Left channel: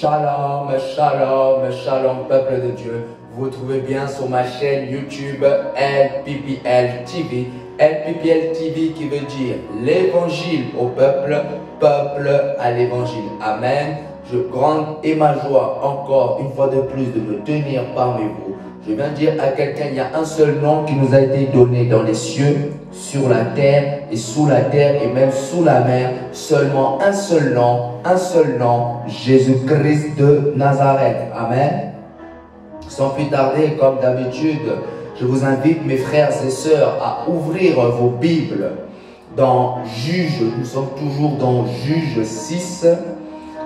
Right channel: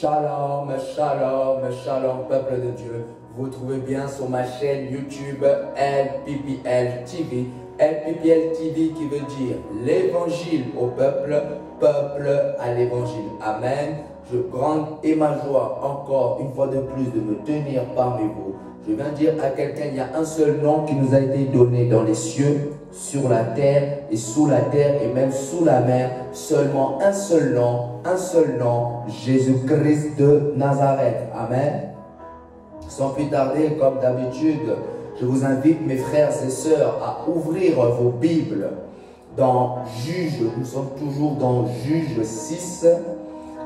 Shalom, shalom, shalom, peuple de Dieu. Vous vous trouvez bien sur ma chaîne YouTube LPPL TV. LPPL TV qui veut dire l'évangile au peuple, peuple à l'évangile. Amen. Grande est ma joie encore une fois de plus de me tenir parmi vous. Je viens dire à quelqu'un, il y a un seul nom qui nous a été donné dans les cieux, sur la terre et sous la terre et même sous la mer. Seulement un seul nom, Jésus-Christ de Nazareth. Amen. Sans plus tarder, comme d'habitude, je vous invite mes frères et sœurs à ouvrir vos Bibles dans Juge. Nous sommes toujours dans Juge 6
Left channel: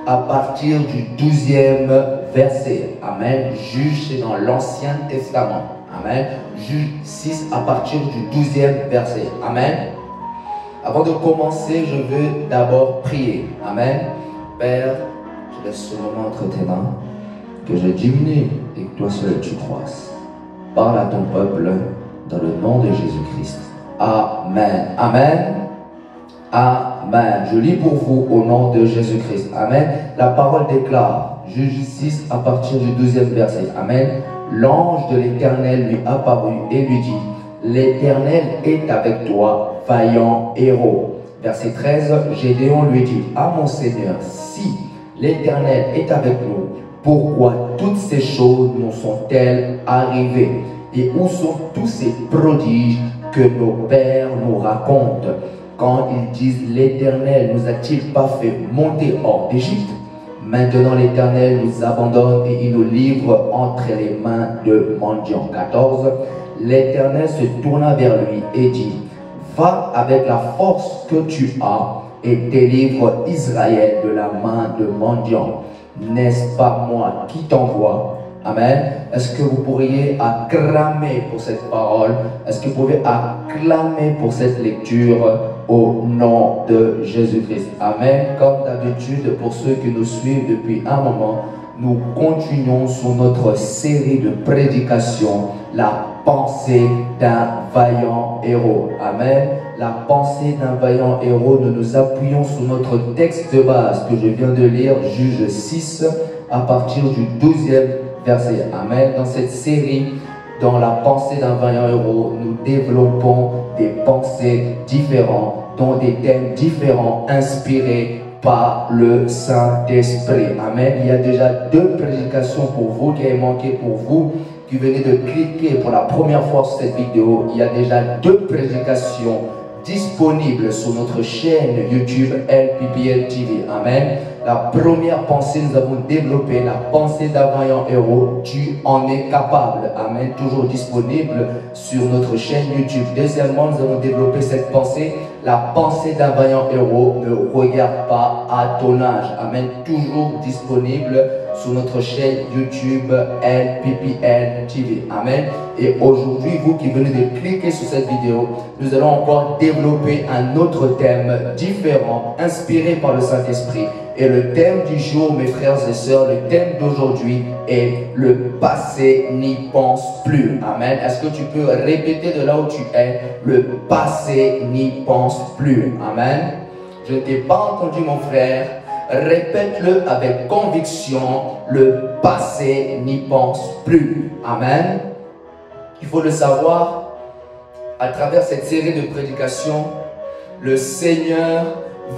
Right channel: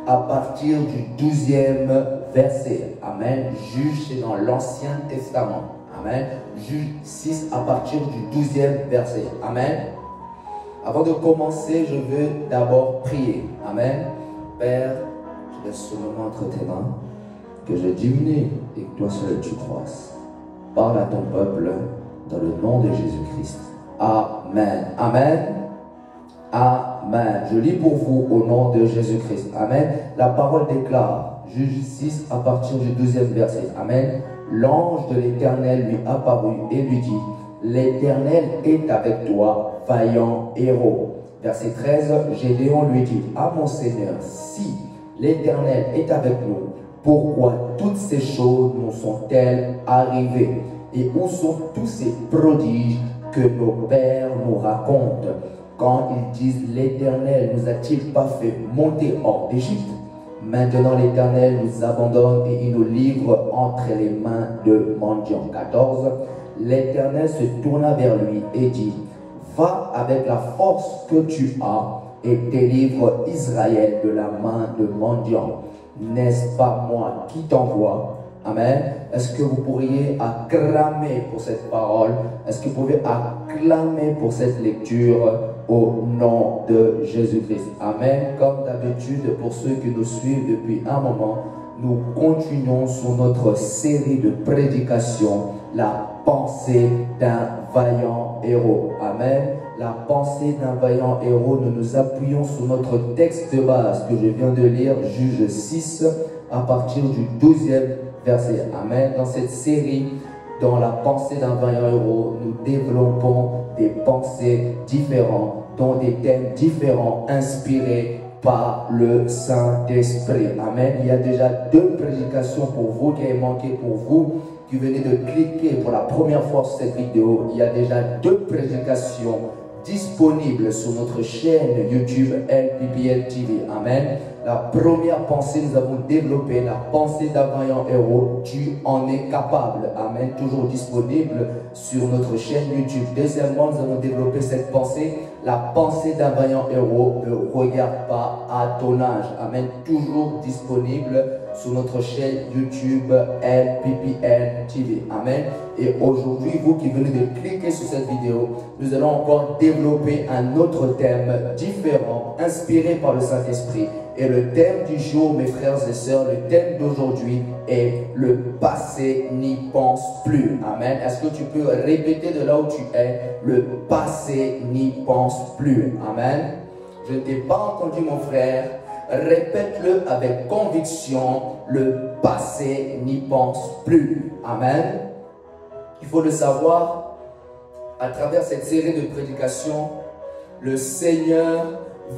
à partir du 12e verset. Amen. Juge, c'est dans l'Ancien Testament. Amen. Juge 6 à partir du 12e verset. Amen. Avant de commencer, je veux d'abord prier. Amen. Père, je laisse ce moment entre tes mains, que je diminue et que toi seul tu croisses. Parle à ton peuple dans le nom de Jésus-Christ. Amen. Amen. Amen. Je lis pour vous au nom de Jésus-Christ. Amen. La parole déclare, Juge 6 à partir du 12e verset. Amen. L'ange de l'Éternel lui apparut et lui dit, l'Éternel est avec toi, vaillant héros. Verset 13, Gédéon lui dit, ah mon Seigneur, si l'Éternel est avec nous, pourquoi toutes ces choses nous sont-elles arrivées? Et où sont tous ces prodiges que nos pères nous racontent? Quand ils disent, l'Éternel nous a-t-il pas fait monter hors d'Égypte? Maintenant l'Éternel nous abandonne et il nous livre entre les mains de mendiants. 14. L'Éternel se tourna vers lui et dit, va avec la force que tu as et délivre Israël de la main de mendiants. N'est-ce pas moi qui t'envoie? Amen. Est-ce que vous pourriez acclamer pour cette parole? Est-ce que vous pouvez acclamer pour cette lecture au nom de Jésus-Christ? Amen. Comme d'habitude, pour ceux qui nous suivent depuis un moment, nous continuons sur notre série de prédications, la pensée d'un vaillant héros. Amen. La pensée d'un vaillant héros, nous nous appuyons sur notre texte de base que je viens de lire, Juge 6, à partir du 12e verset. Amen. Dans cette série, dans la pensée d'un vaillant héros, nous développons des pensées différentes, dont des thèmes différents, inspirés par le Saint-Esprit. Amen. Il y a déjà 2 prédications pour vous qui avez manqué pour vous, qui venez de cliquer pour la première fois sur cette vidéo. Il y a déjà 2 prédications disponibles sur notre chaîne YouTube LPPL TV. Amen. La première pensée, nous avons développé la pensée d'un vaillant héros. Tu en es capable. Amen. Toujours disponible sur notre chaîne YouTube. Deuxièmement, nous avons développé cette pensée. La pensée d'un vaillant héros ne regarde pas à ton âge. Amen. Toujours disponible sur notre chaîne YouTube LPPL TV. Amen. Et aujourd'hui, vous qui venez de cliquer sur cette vidéo, nous allons encore développer un autre thème différent, inspiré par le Saint-Esprit. Et le thème du jour, mes frères et sœurs, le thème d'aujourd'hui est le passé n'y pense plus. Amen. Est-ce que tu peux répéter de là où tu es? Le passé n'y pense plus. Amen. Je ne t'ai pas entendu, mon frère. Répète-le avec conviction. Le passé n'y pense plus. Amen. Il faut le savoir, à travers cette série de prédications, le Seigneur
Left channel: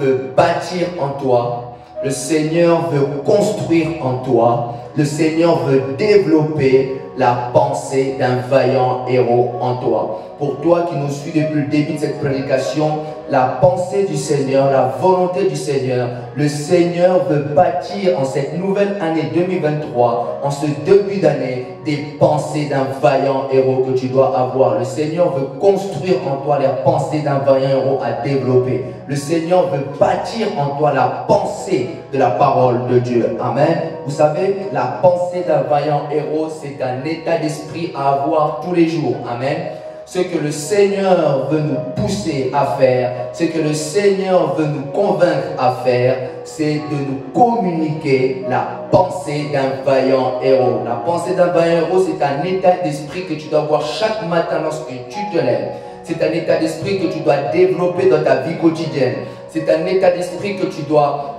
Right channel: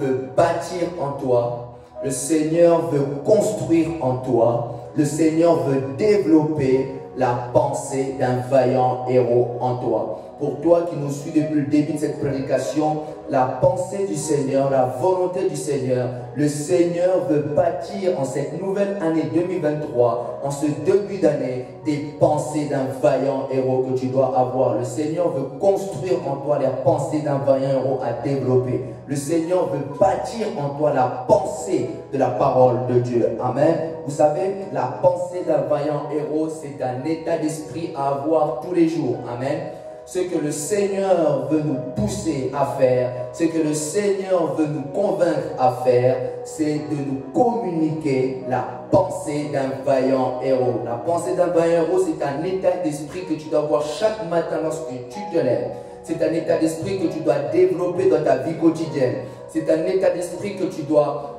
veut bâtir en toi. Le Seigneur veut construire en toi. Le Seigneur veut développer la pensée d'un vaillant héros en toi. Pour toi qui nous suis depuis le début de cette prédication, la pensée du Seigneur, la volonté du Seigneur, le Seigneur veut bâtir en cette nouvelle année 2023, en ce début d'année, des pensées d'un vaillant héros que tu dois avoir. Le Seigneur veut construire en toi les pensées d'un vaillant héros à développer. Le Seigneur veut bâtir en toi la pensée de la parole de Dieu. Amen. Vous savez, la pensée d'un vaillant héros, c'est un état d'esprit à avoir tous les jours. Amen. Ce que le Seigneur veut nous pousser à faire, ce que le Seigneur veut nous convaincre à faire, c'est de nous communiquer la pensée d'un vaillant héros. La pensée d'un vaillant héros, c'est un état d'esprit que tu dois avoir chaque matin lorsque tu te lèves. C'est un état d'esprit que tu dois développer dans ta vie quotidienne. C'est un état d'esprit que tu dois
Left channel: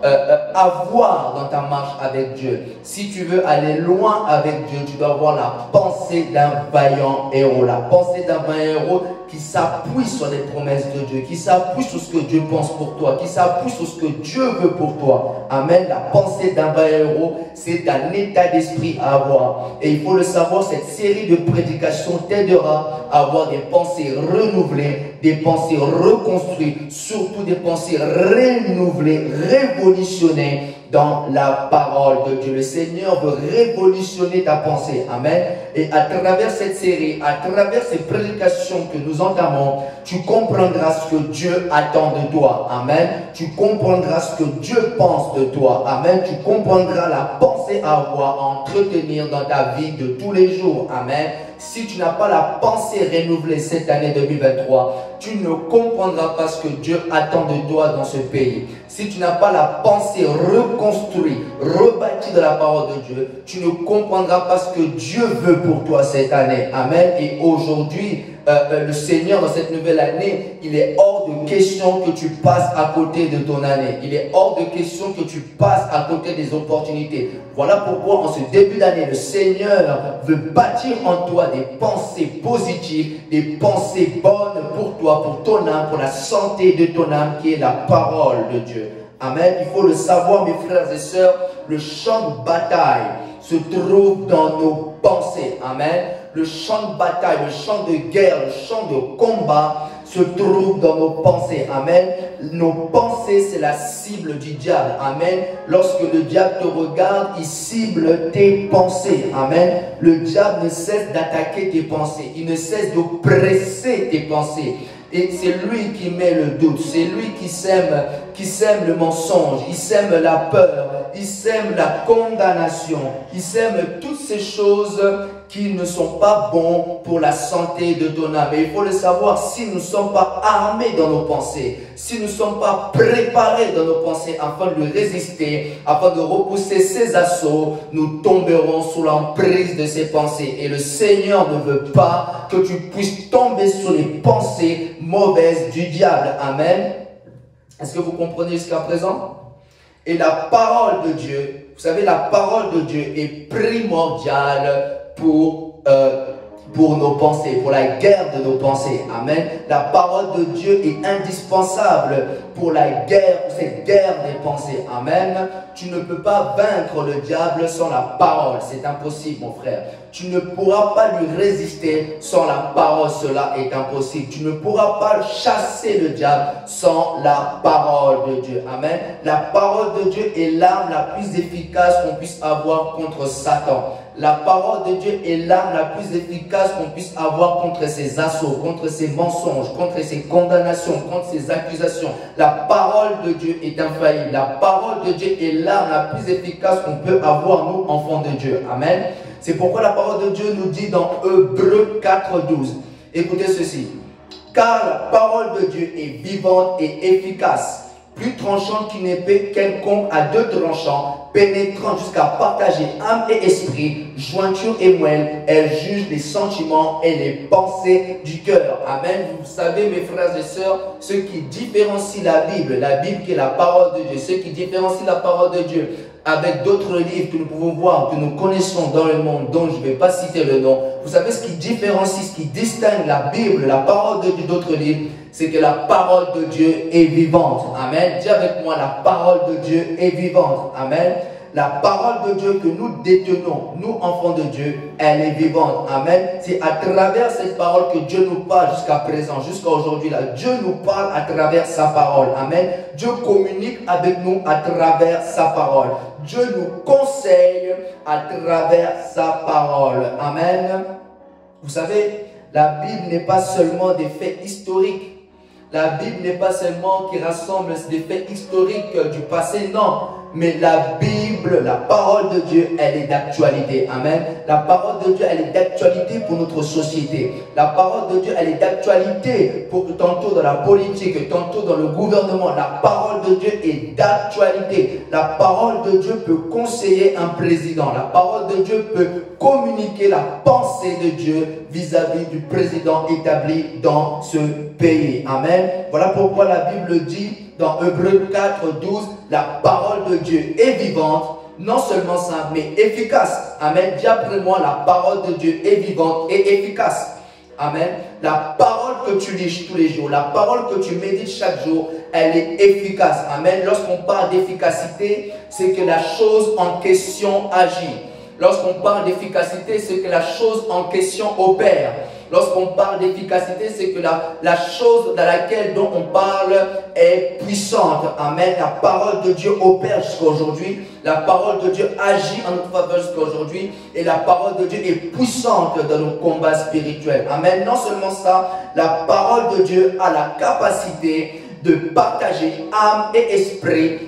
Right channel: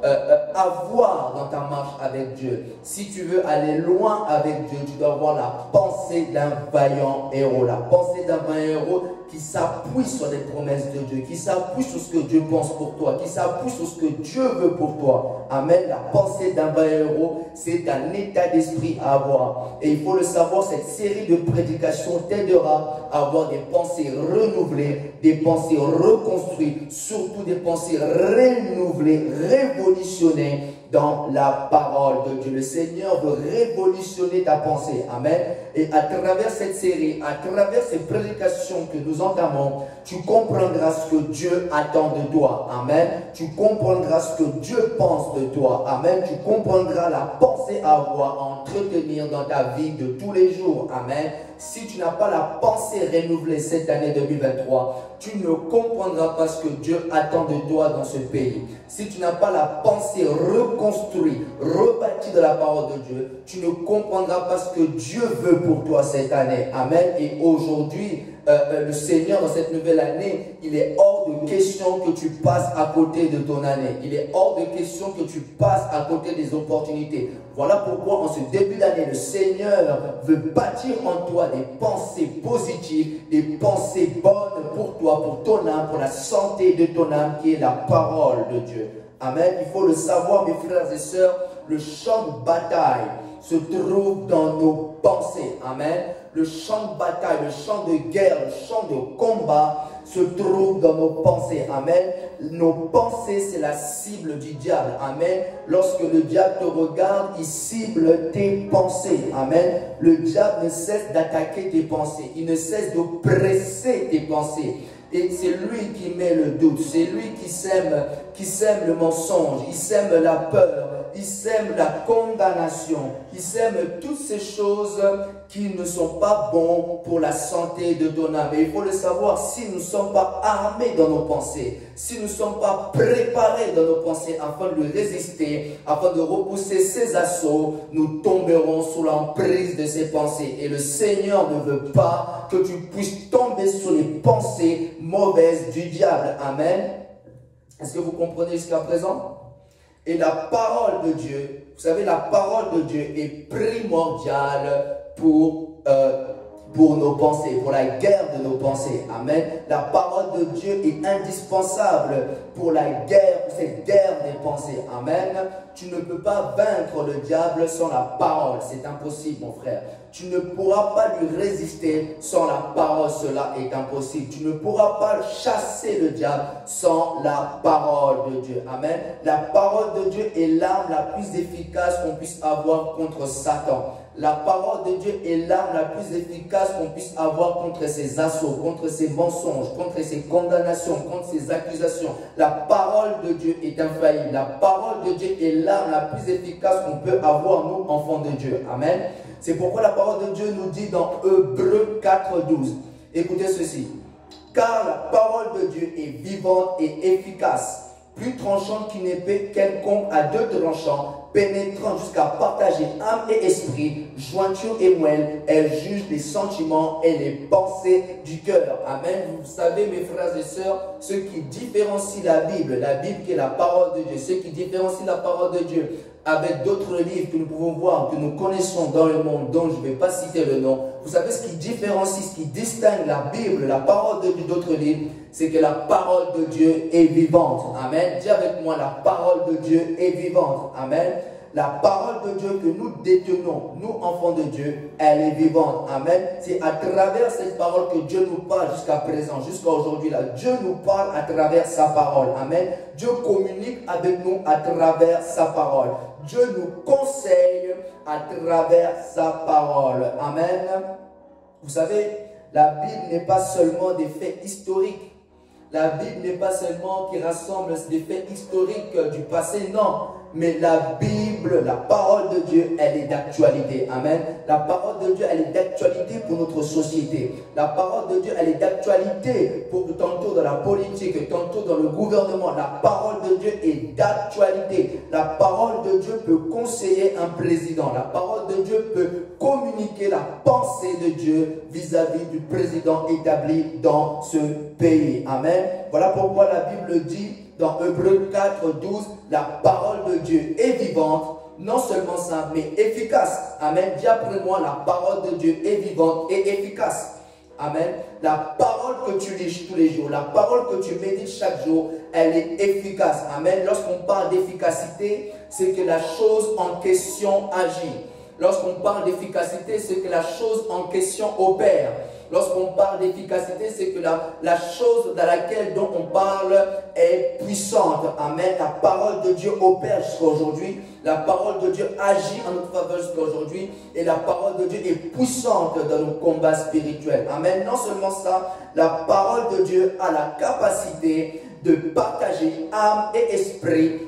avoir dans ta marche avec Dieu. Si tu veux aller loin avec Dieu, tu dois avoir la pensée d'un vaillant héros. La pensée d'un vaillant héros qui s'appuie sur les promesses de Dieu, qui s'appuie sur ce que Dieu pense pour toi, qui s'appuie sur ce que Dieu veut pour toi. Amen. La pensée d'un vaillant héros, c'est un état d'esprit à avoir. Et il faut le savoir, cette série de prédications t'aidera à avoir des pensées renouvelées, des pensées reconstruites, surtout des pensées renouvelées, révolutionnées dans la parole de Dieu. Le Seigneur veut révolutionner ta pensée. Amen. Et à travers cette série, à travers ces prédications que nous entamons, tu comprendras ce que Dieu attend de toi. Amen. Tu comprendras ce que Dieu pense de toi. Amen. Tu comprendras la pensée à avoir, à entretenir dans ta vie de tous les jours. Amen. Si tu n'as pas la pensée renouvelée cette année 2023, tu ne comprendras pas ce que Dieu attend de toi dans ce pays. Si tu n'as pas la pensée reconstruite, rebâtie de la parole de Dieu, tu ne comprendras pas ce que Dieu veut pour toi cette année. Amen. Et aujourd'hui, le Seigneur, dans cette nouvelle année, il est hors de question que tu passes à côté de ton année. Il est hors de question que tu passes à côté des opportunités. Voilà pourquoi en ce début d'année, le Seigneur veut bâtir en toi des pensées positives, des pensées bonnes pour toi, pour ton âme, pour la santé de ton âme qui est la parole de Dieu. Amen. Il faut le savoir, mes frères et sœurs, le champ de bataille se trouve dans nos pensées. Amen. Le champ de bataille, le champ de guerre, le champ de combat se trouve dans nos pensées. Amen. Nos pensées, c'est la cible du diable. Amen. Lorsque le diable te regarde, il cible tes pensées. Amen. Le diable ne cesse d'attaquer tes pensées. Il ne cesse d'oppresser tes pensées. Et c'est lui qui met le doute, c'est lui qui sème le mensonge, il sème la peur, il sème la condamnation, il sème toutes ces choses qui ne sont pas bons pour la santé de ton âme. Et il faut le savoir, si nous ne sommes pas armés dans nos pensées, si nous ne sommes pas préparés dans nos pensées afin de lui résister, afin de repousser ses assauts, nous tomberons sous l'emprise de ses pensées. Et le Seigneur ne veut pas que tu puisses tomber sous les pensées mauvaises du diable. Amen. Est-ce que vous comprenez jusqu'à présent? Et la parole de Dieu, vous savez, la parole de Dieu est primordiale pour nos pensées, pour la guerre de nos pensées. Amen. La parole de Dieu est indispensable pour la guerre, pour cette guerre des pensées. Amen. Tu ne peux pas vaincre le diable sans la parole. C'est impossible, mon frère. Tu ne pourras pas lui résister sans la parole. Cela est impossible. Tu ne pourras pas chasser le diable sans la parole de Dieu. Amen. La parole de Dieu est l'arme la plus efficace qu'on puisse avoir contre Satan. La parole de Dieu est l'arme la plus efficace qu'on puisse avoir contre ses assauts, contre ses mensonges, contre ses condamnations, contre ses accusations. La parole de Dieu est infaillible. La parole de Dieu est l'arme la plus efficace qu'on peut avoir, nous, enfants de Dieu. Amen. C'est pourquoi la parole de Dieu nous dit dans Hébreux 4:12. Écoutez ceci. Car la parole de Dieu est vivante et efficace, plus tranchante qu'une épée quelconque à deux tranchants, pénétrant jusqu'à partager âme et esprit, jointure et moelle. Elle juge les sentiments et les pensées du cœur. Amen. Vous savez, mes frères et sœurs, ce qui différencie la Bible qui est la parole de Dieu, ce qui différencie la parole de Dieu avec d'autres livres que nous pouvons voir, que nous connaissons dans le monde, dont je ne vais pas citer le nom. Vous savez ce qui différencie, ce qui distingue la Bible, la parole de Dieu d'autres livres, c'est que la parole de Dieu est vivante. Amen. Dis avec moi, la parole de Dieu est vivante. Amen. La parole de Dieu que nous détenons, nous enfants de Dieu, elle est vivante. Amen. C'est à travers cette parole que Dieu nous parle jusqu'à présent, jusqu'à aujourd'hui. Dieu nous parle à travers sa parole. Amen. Dieu communique avec nous à travers sa parole. Dieu nous conseille à travers sa parole. Amen. Vous savez, la Bible n'est pas seulement des faits historiques. La Bible n'est pas seulement qui rassemble des faits historiques du passé, non. mais la Bible, la parole de Dieu, elle est d'actualité. Amen. La parole de Dieu, elle est d'actualité pour notre société. La parole de Dieu, elle est d'actualité pour tantôt dans la politique, tantôt dans le gouvernement. La parole de Dieu est d'actualité. La parole de Dieu peut conseiller un président. La parole de Dieu peut communiquer la pensée de Dieu vis-à-vis du président établi dans ce pays. Amen. Voilà pourquoi la Bible dit dans Hébreux 4, 12, la parole de Dieu est vivante, non seulement simple, mais efficace. Amen. Dis après moi, la parole de Dieu est vivante et efficace. Amen. La parole que tu lis tous les jours, la parole que tu médites chaque jour, elle est efficace. Amen. Lorsqu'on parle d'efficacité, c'est que la chose en question agit. Lorsqu'on parle d'efficacité, c'est que la chose en question opère. Lorsqu'on parle d'efficacité, c'est que la chose dans laquelle dont on parle est puissante. Amen. La parole de Dieu opère jusqu'à aujourd'hui. La parole de Dieu agit en notre faveur jusqu'à aujourd'hui. Et la parole de Dieu est puissante dans nos combats spirituels. Amen. Non seulement ça, la parole de Dieu a la capacité de partager âme et esprit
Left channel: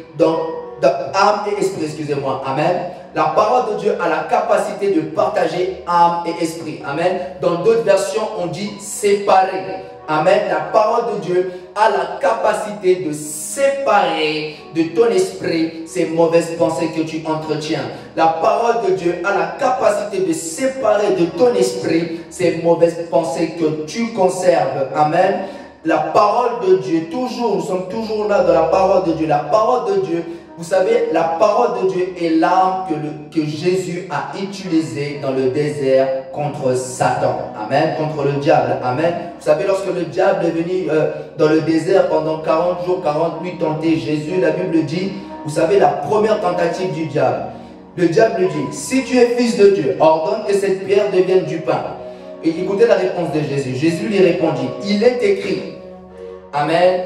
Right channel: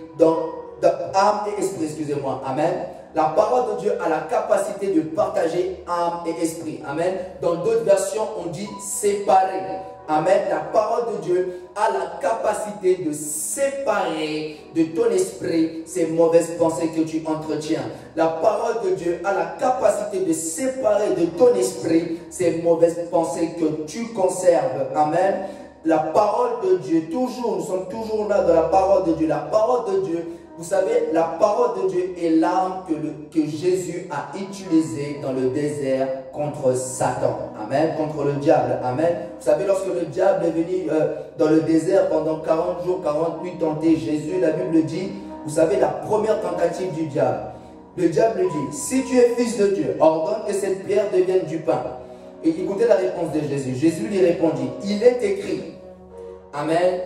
excusez-moi. Amen. La parole de Dieu a la capacité de partager âme et esprit. Amen. Dans d'autres versions, on dit séparer. Amen. La parole de Dieu a la capacité de séparer de ton esprit ces mauvaises pensées que tu entretiens. La parole de Dieu a la capacité de séparer de ton esprit ces mauvaises pensées que tu conserves. Amen. La parole de Dieu, toujours, nous sommes toujours là dans la parole de Dieu. La parole de Dieu, vous savez, la parole de Dieu est l'arme que Jésus a utilisée dans le désert contre Satan. Amen. Contre le diable. Amen. Vous savez, lorsque le diable est venu dans le désert pendant 40 jours, 40 nuits tenter Jésus, la Bible dit, vous savez, la première tentative du diable. Le diable lui dit, si tu es fils de Dieu, ordonne que cette pierre devienne du pain. Et écoutez la réponse de Jésus. Jésus lui répondit, il est écrit. Amen.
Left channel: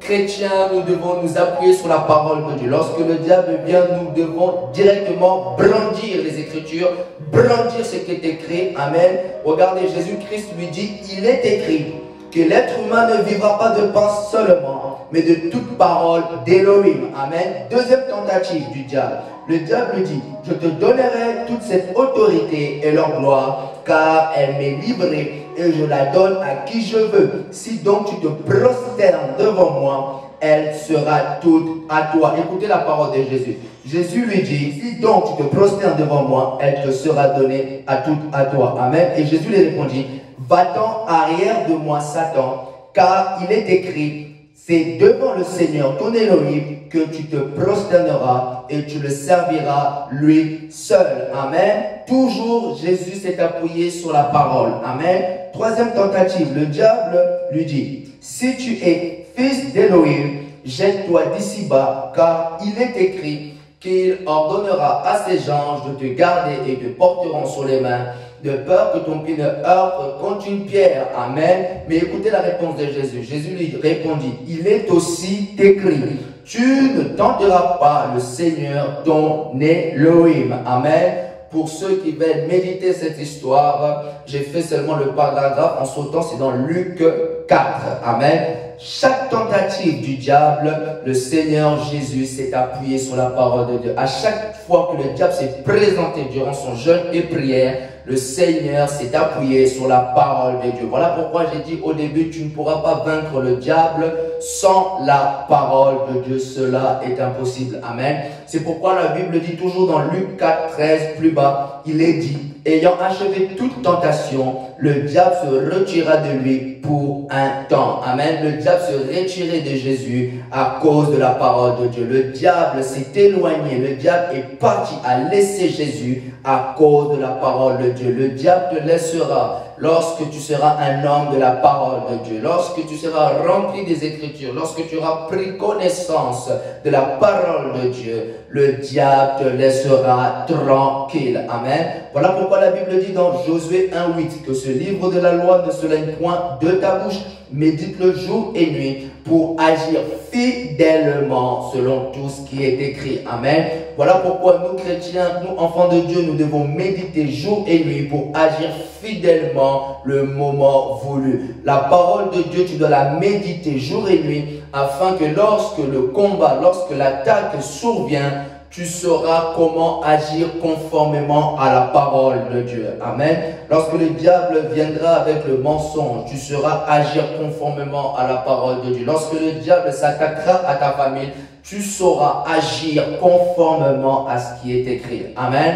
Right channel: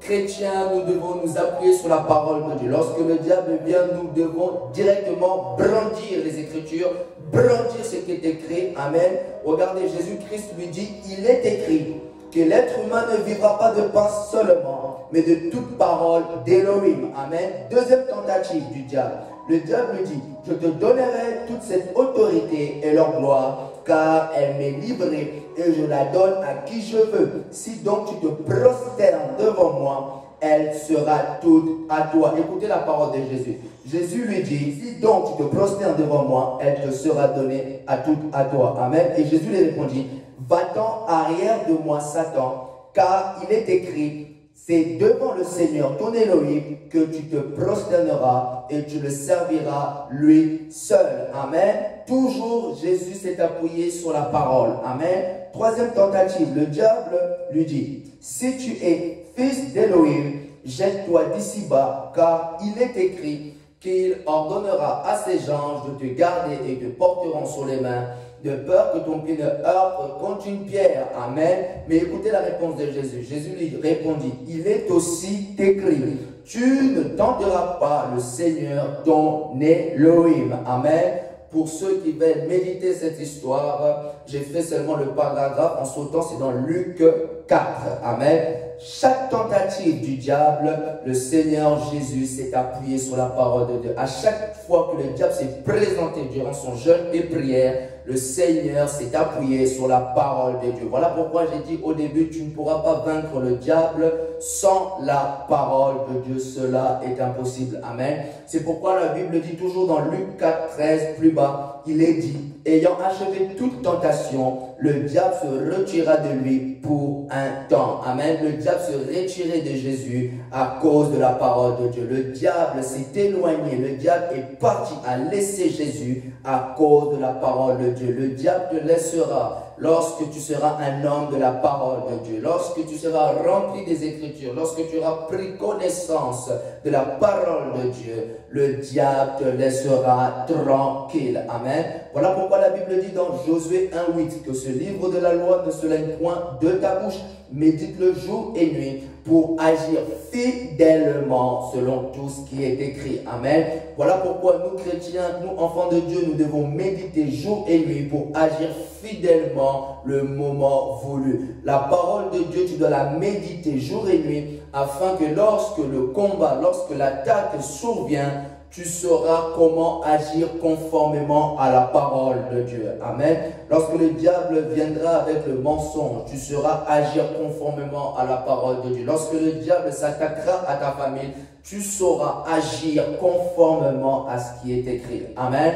Chrétiens, nous devons nous appuyer sur la parole de Dieu. Lorsque le diable vient, nous devons directement brandir les Écritures, brandir ce qui est écrit. Amen. Regardez, Jésus-Christ lui dit, il est écrit que l'être humain ne vivra pas de pain seulement, mais de toute parole d'Élohim. Amen. Deuxième tentative du diable. Le diable lui dit, je te donnerai toute cette autorité et leur gloire, car elle m'est livrée et je la donne à qui je veux. Si donc tu te prosternes devant moi, elle sera toute à toi. Écoutez la parole de Jésus. Jésus lui dit, si donc tu te prosternes devant moi, elle te sera donnée à toute à toi. Amen. Et Jésus lui répondit, va-t'en arrière de moi, Satan, car il est écrit, c'est devant le Seigneur, ton Élohim, que tu te prosterneras et tu le serviras lui seul. Amen. Toujours, Jésus s'est appuyé sur la parole. Amen. Troisième tentative, le diable lui dit, si tu es fils d'Élohim, jette-toi d'ici bas, car il est écrit qu'il ordonnera à ses anges de te garder et te porteront sur les mains, de peur que ton pied ne heurte contre une pierre. Amen. Mais écoutez la réponse de Jésus. Jésus lui répondit, il est aussi écrit, tu ne tenteras pas le Seigneur ton Élohim. Amen. Pour ceux qui veulent méditer cette histoire, j'ai fait seulement le paragraphe en sautant, c'est dans Luc 4. Amen. Chaque tentative du diable, le Seigneur Jésus s'est appuyé sur la parole de Dieu. À chaque fois que le diable s'est présenté durant son jeûne et prière, le Seigneur s'est appuyé sur la parole de Dieu. Voilà pourquoi j'ai dit au début, tu ne pourras pas vaincre le diable sans la parole de Dieu. Cela est impossible. Amen. C'est pourquoi la Bible dit toujours dans Luc 4, 13, plus bas, il est dit, ayant achevé toute tentation, le diable se retira de lui pour un temps. Amen. Le diable se retirait de Jésus à cause de la parole de Dieu. Le diable s'est éloigné. Le diable est parti à laisser Jésus à cause de la parole de Dieu. Le diable te laissera lorsque tu seras un homme de la parole de Dieu, lorsque tu seras rempli des Écritures, lorsque tu auras pris connaissance de la parole de Dieu, le diable te laissera tranquille. Amen. Voilà pourquoi la Bible dit dans Josué 1,8 que ce livre de la loi ne se lève point de ta bouche, médite-le jour et nuit pour agir fidèlement selon tout ce qui est écrit. Amen. Voilà pourquoi nous chrétiens, nous enfants de Dieu, nous devons méditer jour et nuit pour agir fidèlement le moment voulu. La parole de Dieu, tu dois la méditer jour et nuit afin que lorsque le combat, lorsque l'attaque survient, tu sauras comment agir conformément à la parole de Dieu. Amen. Lorsque le diable viendra avec le mensonge, tu sauras agir conformément à la parole de Dieu. Lorsque le diable s'attaquera à ta famille, tu sauras agir conformément à ce qui est écrit. Amen.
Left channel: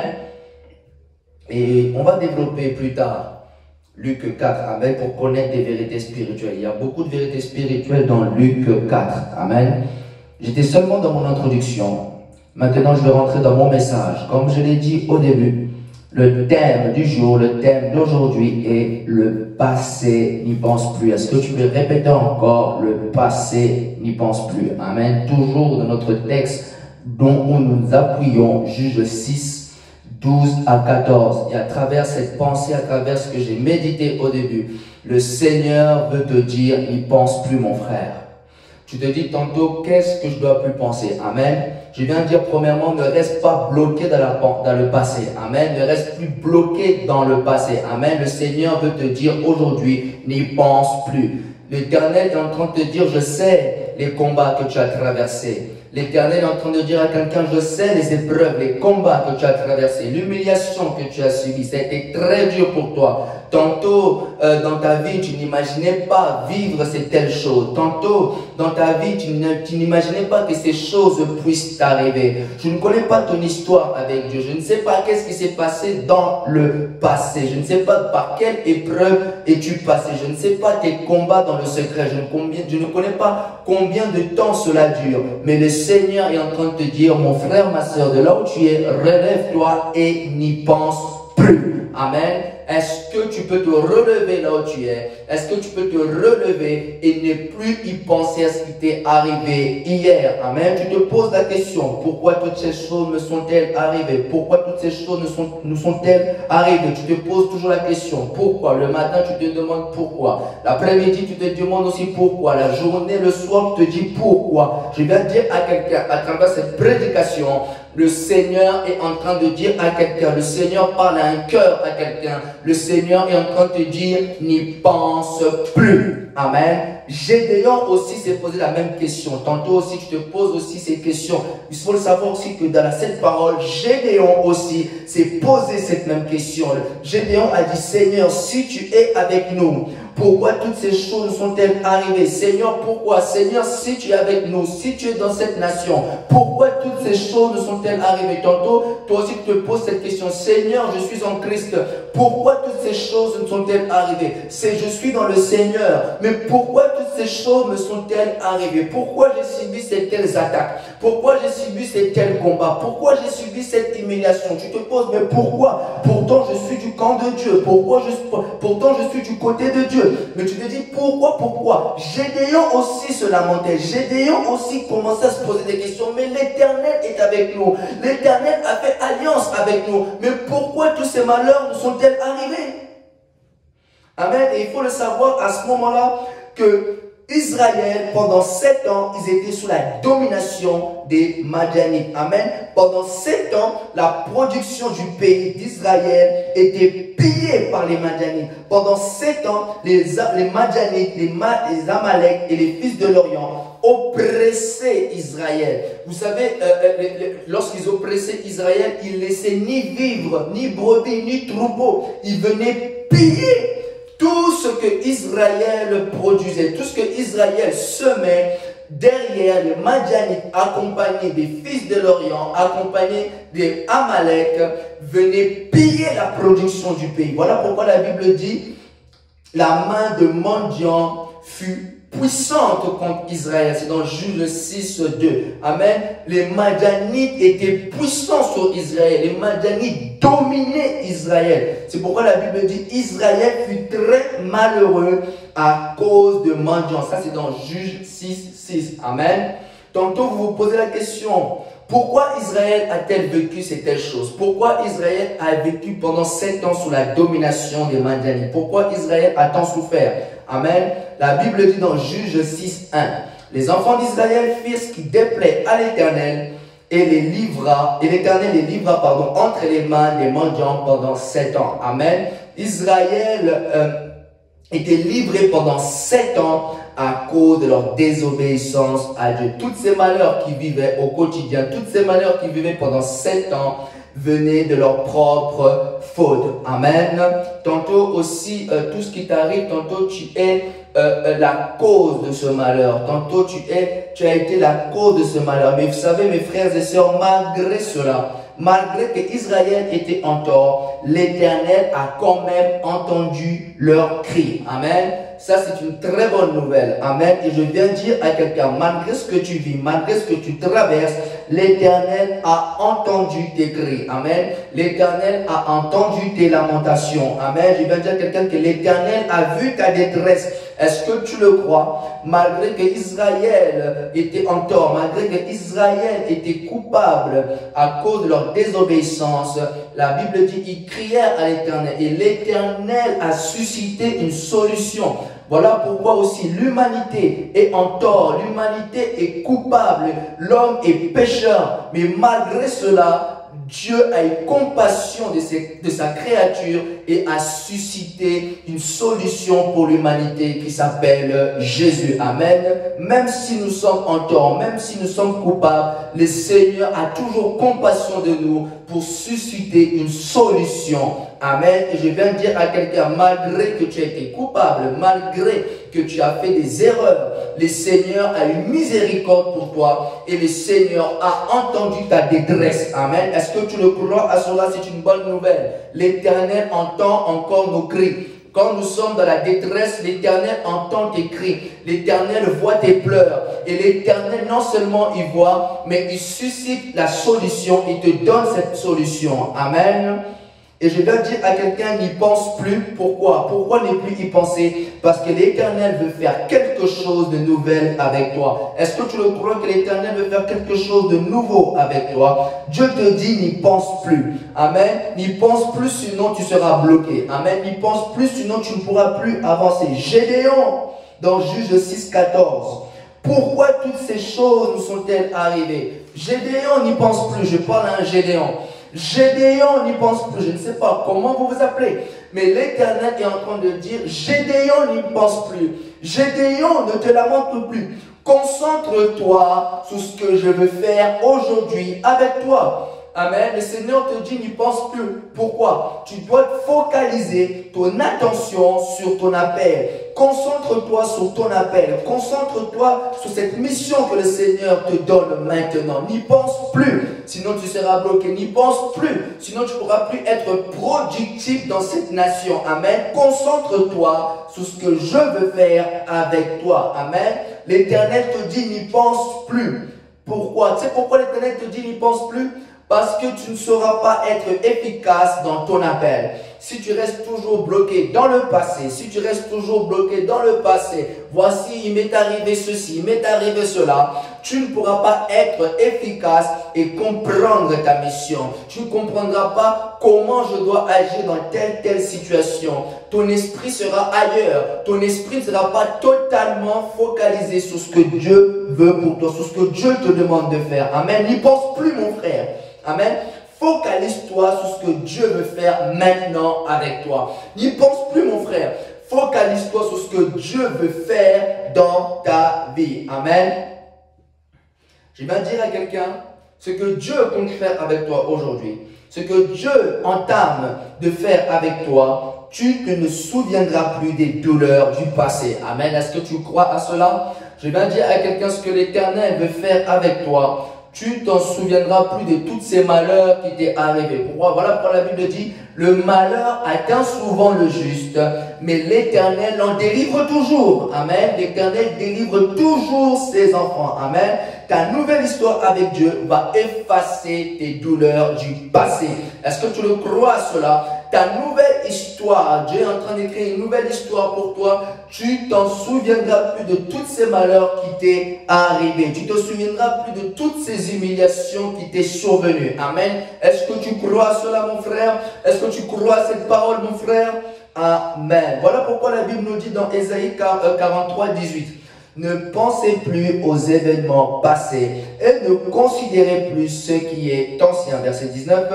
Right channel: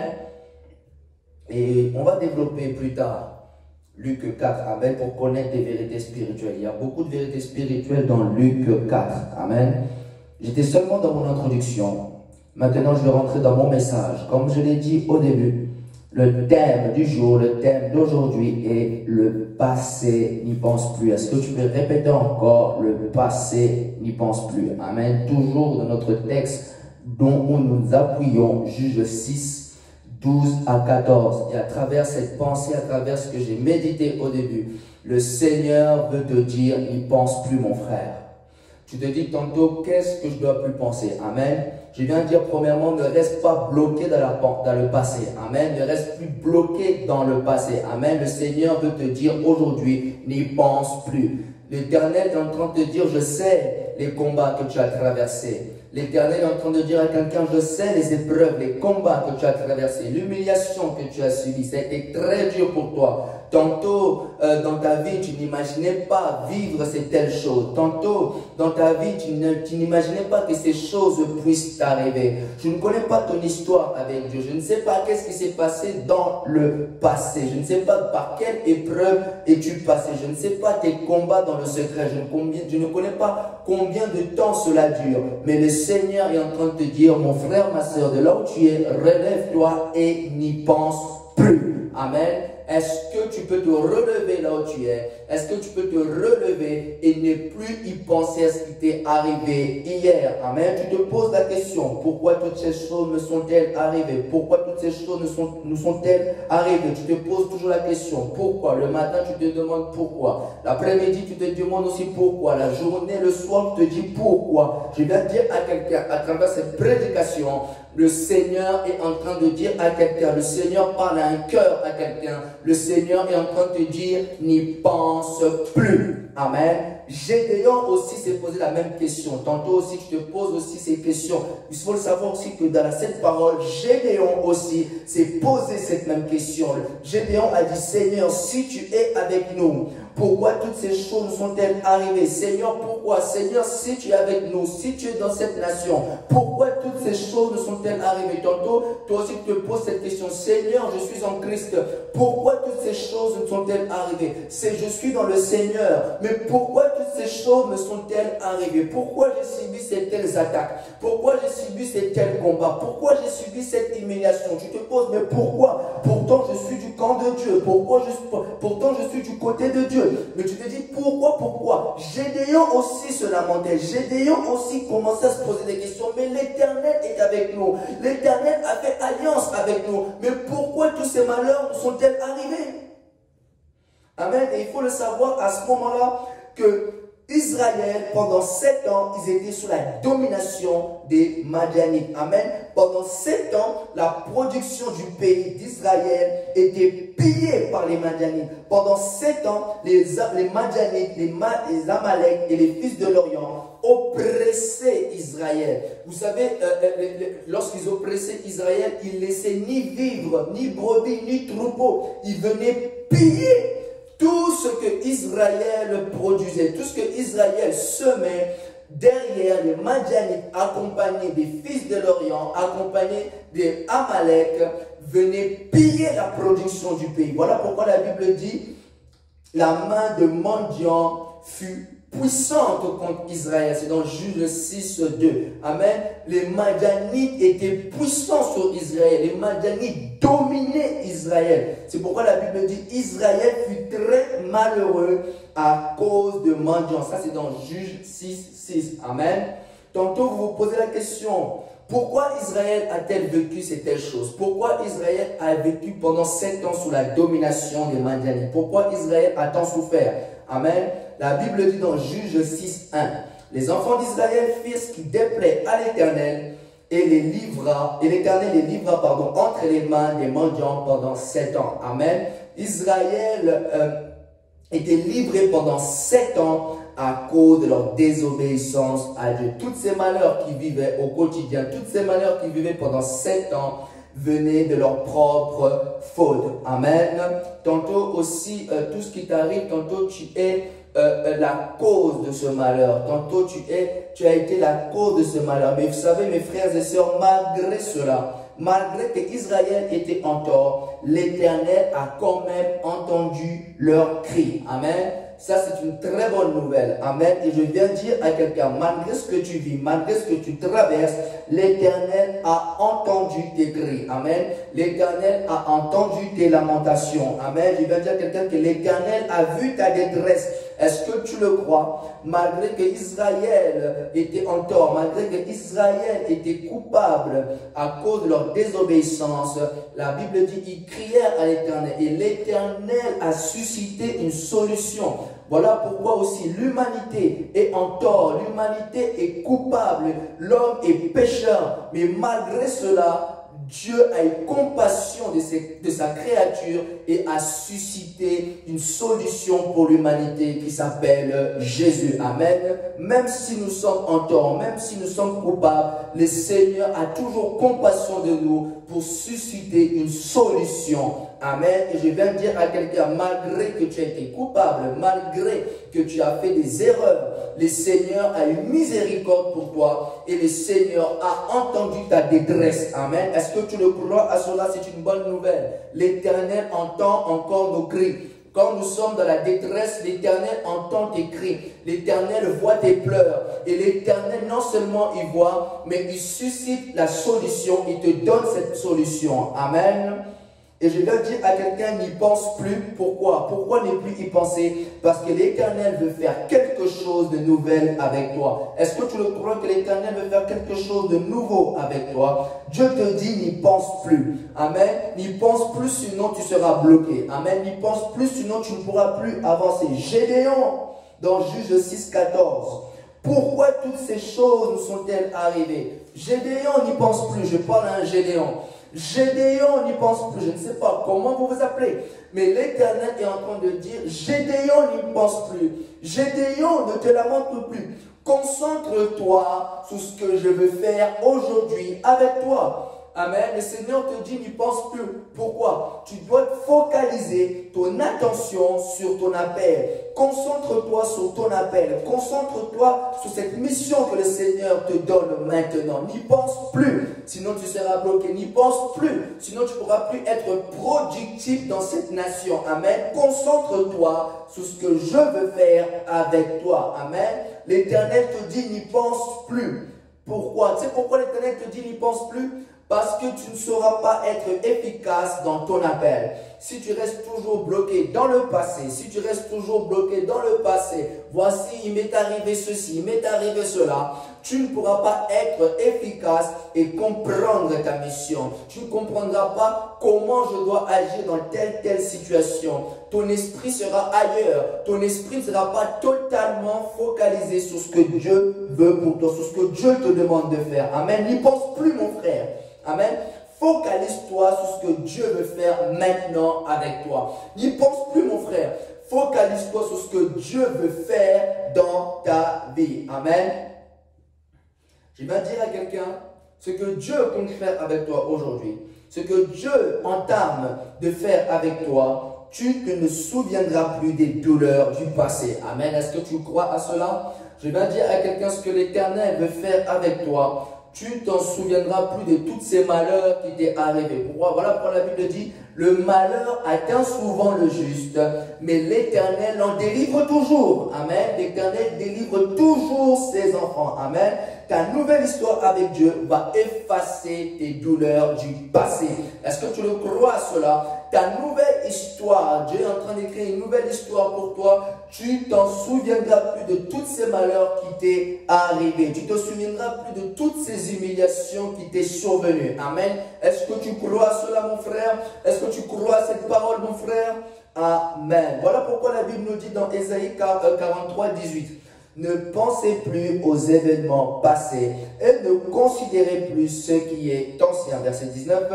Et on va développer plus tard Luc 4, Amen, pour connaître des vérités spirituelles. Il y a beaucoup de vérités spirituelles dans Luc 4. Amen. J'étais seulement dans mon introduction. Maintenant, je vais rentrer dans mon message. Comme je l'ai dit au début, le thème du jour, le thème d'aujourd'hui est le passé n'y pense plus. Est-ce que tu peux répéter encore le passé n'y pense plus? Amen. Toujours dans notre texte dont nous appuyons, Juge 6, 12 à 14. Et à travers cette pensée, à travers ce que j'ai médité au début, le Seigneur veut te dire, n'y pense plus mon frère. Tu te dis tantôt, qu'est-ce que je dois plus penser? Amen. Je viens de dire premièrement, ne reste pas bloqué dans le passé. Amen. Ne reste plus bloqué dans le passé. Amen. Le Seigneur veut te dire aujourd'hui, n'y pense plus. L'Éternel est en train de te dire, je sais les combats que tu as traversés. L'Éternel est en train de dire à quelqu'un, je sais les épreuves, les combats que tu as traversés, l'humiliation que tu as subie. Ça a été très dur pour toi. Tantôt, dans ta vie, tu n'imaginais pas vivre ces telles choses. Tantôt, dans ta vie, tu n'imaginais pas que ces choses puissent t'arriver. Je ne connais pas ton histoire avec Dieu. Je ne sais pas qu'est-ce qui s'est passé dans le passé. Je ne sais pas par quelle épreuve es-tu passé. Je ne sais pas tes combats dans le secret. Je ne connais pas combien de temps cela dure. Mais le Seigneur est en train de te dire, mon frère, ma soeur, de là où tu es, relève-toi et n'y pense plus. Amen. Est-ce que tu peux te relever là où tu es? Est-ce que tu peux te relever et ne plus y penser à ce qui t'est arrivé hier? Amen. Tu te poses la question, pourquoi toutes ces choses me sont-elles arrivées? Pourquoi toutes ces choses nous sont-elles arrivées? Tu te poses toujours la question, pourquoi? Le matin, tu te demandes pourquoi. L'après-midi, tu te demandes aussi pourquoi. La journée, le soir, tu te dis pourquoi. Je vais dire à quelqu'un, à travers cette prédication, le Seigneur est en train de dire à quelqu'un, le Seigneur parle à un cœur à quelqu'un, le Seigneur est en train de te dire, n'y pense plus. Amen. Gédéon aussi s'est posé la même question. Tantôt aussi, tu te poses aussi ces questions. Il faut le savoir aussi que dans cette parole, Gédéon aussi s'est posé cette même question. Gédéon a dit, Seigneur, si tu es avec nous, pourquoi toutes ces choses sont-elles arrivées? Seigneur, pourquoi? Seigneur, si tu es avec nous, si tu es dans cette nation, pourquoi toutes ces choses sont-elles arrivées? Tantôt, toi aussi tu te poses cette question. Seigneur, je suis en Christ. Pourquoi toutes ces choses sont-elles arrivées? Je suis dans le Seigneur. Mais pourquoi toutes ces choses me sont-elles arrivées? Pourquoi j'ai subi ces telles attaques? Pourquoi j'ai subi ces tels combats? Pourquoi j'ai subi cette humiliation? Tu te poses, mais pourquoi? Pourtant, je suis du camp de Dieu. Pourtant, je suis du côté de Dieu. Mais tu te dis, pourquoi? Gédéon aussi se lamentait. Gédéon aussi commençait à se poser des questions. Mais l'Éternel est avec nous. L'Éternel a fait alliance avec nous. Mais pourquoi tous ces malheurs nous sont-ils arrivés? Amen. Et il faut le savoir à ce moment-là que Israël, pendant 7 ans, ils étaient sous la domination des Madianites. Amen. Pendant 7 ans, la production du pays d'Israël était pillée par les Madianites. Pendant 7 ans, les Madianites, les Amalek et les fils de l'Orient oppressaient Israël. Vous savez, lorsqu'ils oppressaient Israël, ils laissaient ni vivre, ni brebis, ni troupeaux. Ils venaient piller tout ce que Israël produisait, tout ce que Israël semait. Derrière les Madianites, accompagnés des fils de l'Orient, accompagnés des Amalek, venaient piller la production du pays. Voilà pourquoi la Bible dit, la main de mendiant fut puissante contre Israël. C'est dans Juge 6, 2. Amen. Les Madianites étaient puissants sur Israël. Les Madianites dominaient Israël. C'est pourquoi la Bible dit Israël fut très malheureux à cause de mendiants. Ça, c'est dans Juge 6, 6. Amen. Tantôt, vous vous posez la question, pourquoi Israël a-t-elle vécu ces telles choses? Pourquoi Israël a vécu pendant 7 ans sous la domination des Madianites? Pourquoi Israël a tant souffert? Amen. La Bible dit dans Juge 6, 1, les enfants d'Israël firent ce qui déplaît à l'Éternel et l'Éternel les livra entre les mains des mendiants pendant 7 ans. Amen. Israël été livrés pendant 7 ans à cause de leur désobéissance à Dieu. Tous ces malheurs qu'ils vivaient au quotidien, tous ces malheurs qu'ils vivaient pendant 7 ans, venaient de leur propre faute. Amen. Tantôt aussi, tout ce qui t'arrive, tantôt tu es la cause de ce malheur. Tantôt tu as été la cause de ce malheur. Mais vous savez, mes frères et sœurs, malgré cela, malgré que Israël était en tort, l'Éternel a quand même entendu leurs cris. Amen. Ça, c'est une très bonne nouvelle. Amen. Et je viens dire à quelqu'un, malgré ce que tu vis, malgré ce que tu traverses, l'Éternel a entendu tes cris. Amen. L'Éternel a entendu tes lamentations. Amen. Je viens dire à quelqu'un que l'Éternel a vu ta détresse. Est-ce que tu le crois? Malgré que Israël était en tort, malgré que Israël était coupable à cause de leur désobéissance, la Bible dit qu'ils crièrent à l'Éternel et l'Éternel a suscité une solution. Voilà pourquoi aussi l'humanité est en tort, l'humanité est coupable, l'homme est pécheur, mais malgré cela, Dieu a eu compassion de sa créature et a suscité une solution pour l'humanité qui s'appelle Jésus. Amen. Même si nous sommes en tort, même si nous sommes coupables, le Seigneur a toujours compassion de nous pour susciter une solution. Amen. Et je viens de dire à quelqu'un, malgré que tu as été coupable, malgré que tu as fait des erreurs, le Seigneur a eu miséricorde pour toi et le Seigneur a entendu ta détresse. Amen. Est-ce que tu le crois à cela? C'est une bonne nouvelle. L'Éternel entend encore nos cris. Quand nous sommes dans la détresse, l'Éternel entend tes cris. L'Éternel voit tes pleurs. Et l'Éternel, non seulement il voit, mais il suscite la solution. Il te donne cette solution. Amen. Et je dois dire à quelqu'un, n'y pense plus. Pourquoi? Pourquoi ne plus y penser? Parce que l'Éternel veut faire quelque chose de nouvel avec toi. Est-ce que tu le crois que l'Éternel veut faire quelque chose de nouveau avec toi? Dieu te dit, n'y pense plus. Amen. N'y pense plus, sinon tu seras bloqué. Amen. N'y pense plus, sinon tu ne pourras plus avancer. Gédéon, dans Juge 6, 14. Pourquoi toutes ces choses nous sont-elles arrivées? Gédéon n'y pense plus. Je parle à un Gédéon. Gédéon n'y pense plus. Je ne sais pas comment vous vous appelez. Mais l'Éternel est en train de dire, Gédéon n'y pense plus. Gédéon, ne te lamente plus. Concentre-toi sur ce que je veux faire aujourd'hui avec toi. Amen. Le Seigneur te dit, n'y pense plus. Pourquoi? Tu dois focaliser ton attention sur ton appel. Concentre-toi sur ton appel. Concentre-toi sur cette mission que le Seigneur te donne maintenant. N'y pense plus, sinon tu seras bloqué. N'y pense plus, sinon tu ne pourras plus être productif dans cette nation. Amen. Concentre-toi sur ce que je veux faire avec toi. Amen. L'Éternel te dit, n'y pense plus. Pourquoi? Tu sais pourquoi l'Éternel te dit, n'y pense plus? Parce que tu ne sauras pas être efficace dans ton appel. Si tu restes toujours bloqué dans le passé, si tu restes toujours bloqué dans le passé, voici, il m'est arrivé ceci, il m'est arrivé cela, tu ne pourras pas être efficace et comprendre ta mission. Tu ne comprendras pas comment je dois agir dans telle situation. Ton esprit sera ailleurs. Ton esprit ne sera pas totalement focalisé sur ce que Dieu veut pour toi, sur ce que Dieu te demande de faire. Amen. N'y pense plus, mon frère. Amen. Focalise-toi sur ce que Dieu veut faire maintenant avec toi. N'y pense plus, mon frère. Focalise-toi sur ce que Dieu veut faire dans ta vie. Amen. Je vais dire à quelqu'un, ce que Dieu compte faire avec toi aujourd'hui, ce que Dieu entame de faire avec toi, tu ne te souviendras plus des douleurs du passé. Amen. Est-ce que tu crois à cela? Je vais dire à quelqu'un ce que l'Éternel veut faire avec toi. Tu t'en souviendras plus de tous ces malheurs qui t'est arrivé. Pourquoi? Voilà pourquoi la Bible dit, le malheur atteint souvent le juste, mais l'Éternel en délivre toujours. Amen. L'Éternel délivre toujours ses enfants. Amen. Ta nouvelle histoire avec Dieu va effacer tes douleurs du passé. Est-ce que tu le crois à cela? Ta nouvelle histoire, Dieu est en train d'écrire une nouvelle histoire pour toi. Tu t'en souviendras plus de tous ces malheurs qui t'est arrivé. Tu te souviendras plus de toutes ces humiliations qui t'est survenues. Amen. Est-ce que tu crois à cela, mon frère? Est-ce que tu crois à cette parole, mon frère? Amen. Voilà pourquoi la Bible nous dit dans Ésaïe 43, 18. Ne pensez plus aux événements passés et ne considérez plus ce qui est ancien. Verset 19.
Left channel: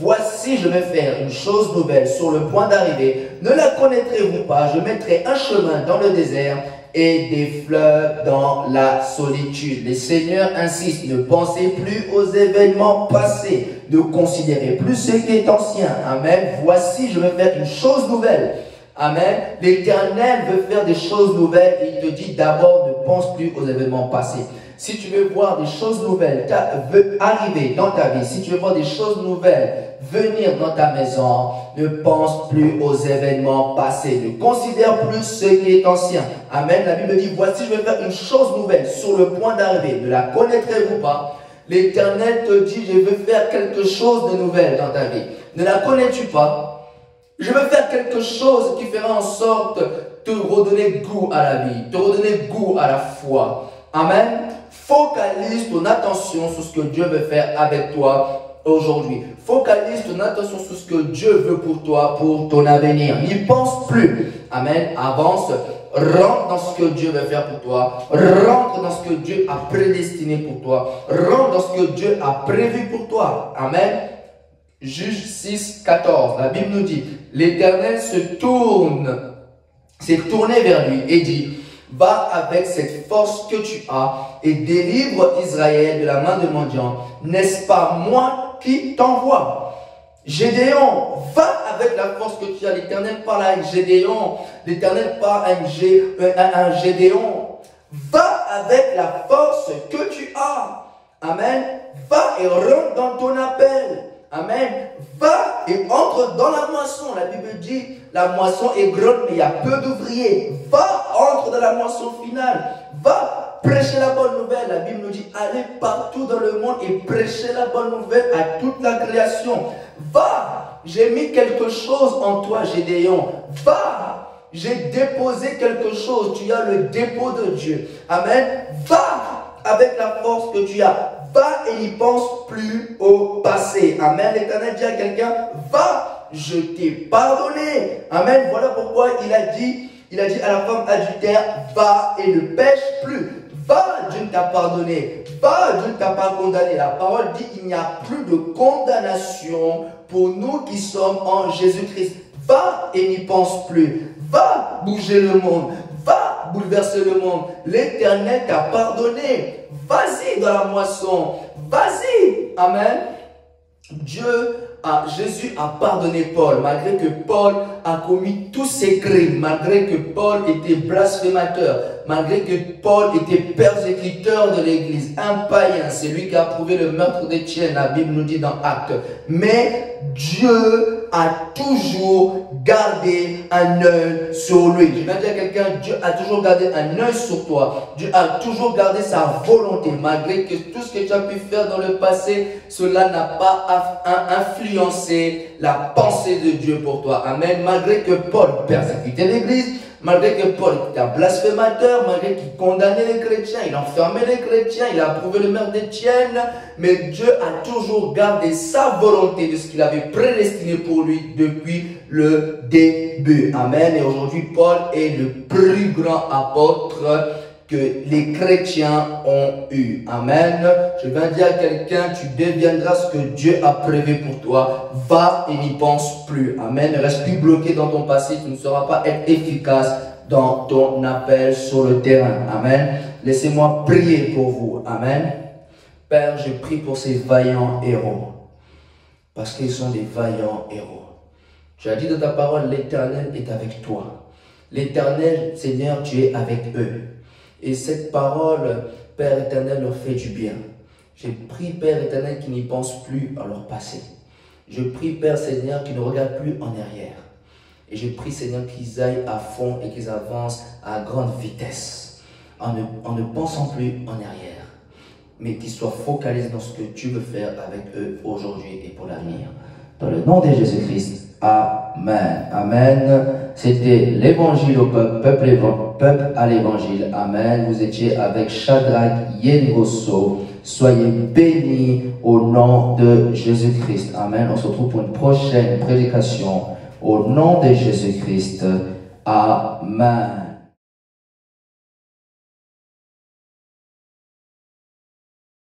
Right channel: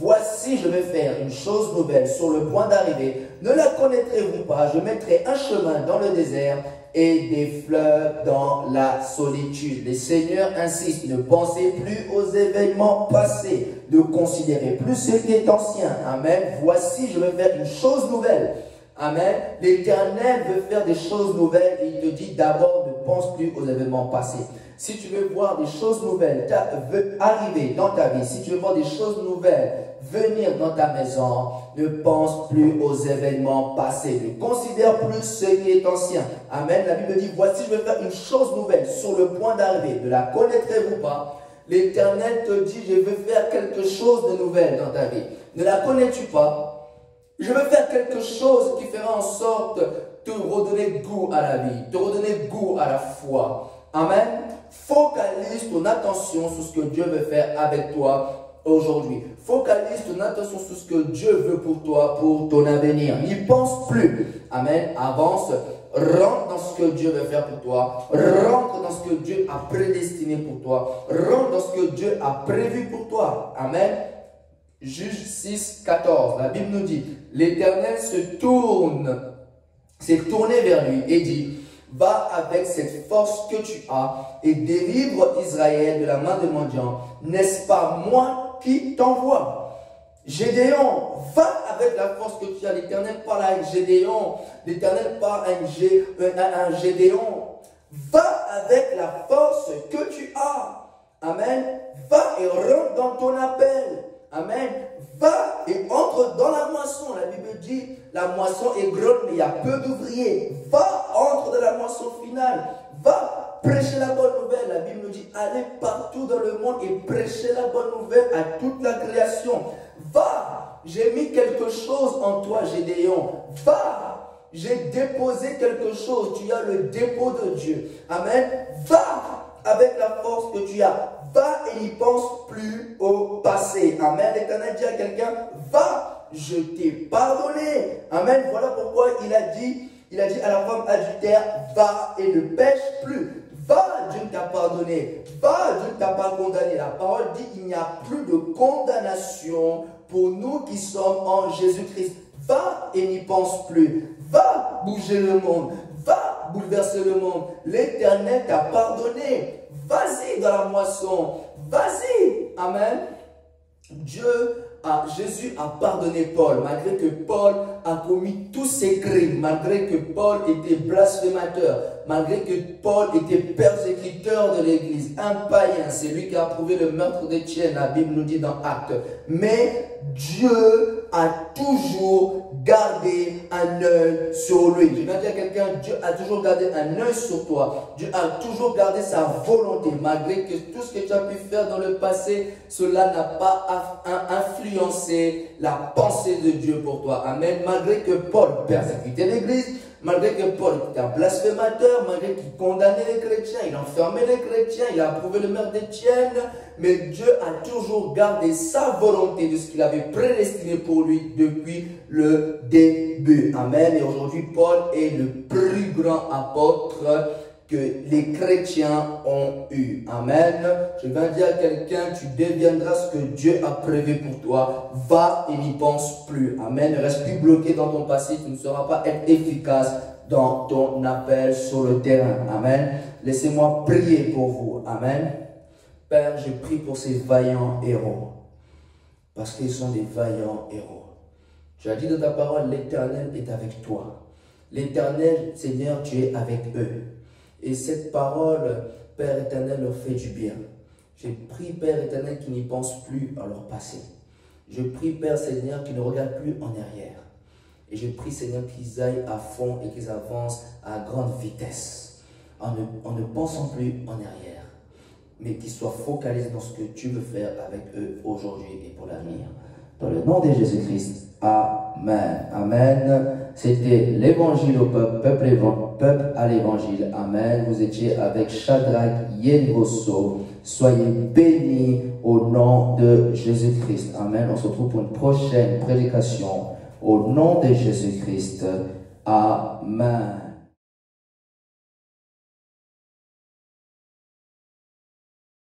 Voici, je vais faire une chose nouvelle sur le point d'arriver. Ne la connaîtrez-vous pas? Je mettrai un chemin dans le désert et des fleuves dans la solitude. Le Seigneur insiste, ne pensez plus aux événements passés, ne considérez plus ce qui est ancien. Amen. Voici, je vais faire une chose nouvelle. Amen. L'Éternel veut faire des choses nouvelles et il te dit d'abord ne pense plus aux événements passés. Si tu veux voir des choses nouvelles arriver dans ta vie, si tu veux voir des choses nouvelles venir dans ta maison, ne pense plus aux événements passés. Ne considère plus ce qui est ancien. Amen. La Bible dit, voici, je vais faire une chose nouvelle sur le point d'arriver. Ne la connaîtrez-vous pas? L'Éternel te dit, je veux faire quelque chose de nouvel dans ta vie. Ne la connais-tu pas? Je veux faire quelque chose qui fera en sorte de te redonner goût à la vie, te redonner goût à la foi. Amen. Focalise ton attention sur ce que Dieu veut faire avec toi aujourd'hui. Focalise ton attention sur ce que Dieu veut pour toi, pour ton avenir. N'y pense plus. Amen. Avance. Rentre dans ce que Dieu veut faire pour toi. Rentre dans ce que Dieu a prédestiné pour toi. Rentre dans ce que Dieu a prévu pour toi. Amen. Juge 6, 14. La Bible nous dit, l'Éternel s'est tourné vers lui et dit, va avec cette force que tu as et délivre Israël de la main de mendiants. N'est-ce pas moi qui t'envoie? Gédéon, va avec la force que tu as. L'Éternel parle à Gédéon. L'Éternel parle à Gédéon. Va avec la force que tu as. Amen. Va et rentre dans ton appel. Amen. Va et entre dans la moisson. La Bible dit, la moisson est grande, mais il y a peu d'ouvriers. Va, entre dans la moisson finale. Va prêcher la bonne nouvelle. La Bible nous dit, allez partout dans le monde et prêchez la bonne nouvelle à toute la création. Va, j'ai mis quelque chose en toi, Gédéon. Va, j'ai déposé quelque chose. Tu as le dépôt de Dieu. Amen. Va avec la force que tu as. Va et n'y pense plus au passé. Amen. L'Éternel dit à quelqu'un, va, je t'ai pardonné. Amen. Voilà pourquoi il a dit à la femme adultère, va et ne pêche plus. Va, Dieu t'a pardonné. Va, Dieu ne t'a pas condamné. La parole dit, il n'y a plus de condamnation pour nous qui sommes en Jésus-Christ. Va et n'y pense plus. Va bouger le monde. Va bouleverser le monde. L'Éternel t'a pardonné. Vas-y dans la moisson. Vas-y. Amen. Jésus a pardonné Paul, malgré que Paul a commis tous ses crimes, malgré que Paul était blasphémateur, malgré que Paul était persécuteur de l'Église, un païen, c'est lui qui a approuvé le meurtre d'Étienne, la Bible nous dit dans Actes. Mais Dieu a toujours gardé un œil sur lui. Je vais dire à quelqu'un, Dieu a toujours gardé un œil sur toi. Dieu a toujours gardé sa volonté, malgré que tout ce que tu as pu faire dans le passé, cela n'a pas influencé la pensée de Dieu pour toi. Amen. Malgré que Paul persécutait l'Église, malgré que Paul était un blasphémateur, malgré qu'il condamnait les chrétiens, il enfermait les chrétiens, il a approuvé le meurtre d'Étienne, mais Dieu a toujours gardé sa volonté de ce qu'il avait prédestiné pour lui depuis le début. Amen. Et aujourd'hui, Paul est le plus grand apôtre que les chrétiens ont eu. Amen. Je viens dire à quelqu'un, tu deviendras ce que Dieu a prévu pour toi. Va et n'y pense plus. Amen. Ne reste plus bloqué dans ton passé. Tu ne sauras pas être efficace dans ton appel sur le terrain. Amen. Laissez-moi prier pour vous. Amen. Père, je prie pour ces vaillants héros. Parce qu'ils sont des vaillants héros. Tu as dit dans ta parole, l'Éternel est avec toi. L'Éternel, Seigneur, tu es avec eux. Et cette parole, Père éternel, leur fait du bien. Je prie, Père éternel, qu'ils n'y pensent plus à leur passé. Je prie, Père Seigneur, qu'ils ne regardent plus en arrière. Et je prie, Seigneur, qu'ils aillent à fond et qu'ils avancent à grande vitesse, en ne pensant plus en arrière, mais qu'ils soient focalisés dans ce que tu veux faire avec eux aujourd'hui et pour l'avenir. Dans le nom de Jésus-Christ, Amen. Amen. C'était l'évangile au peuple à l'évangile. Amen. Vous étiez avec Shadrach Yengoso. Soyez bénis au nom de Jésus-Christ. Amen. On se retrouve pour une prochaine prédication au nom de Jésus-Christ. Amen.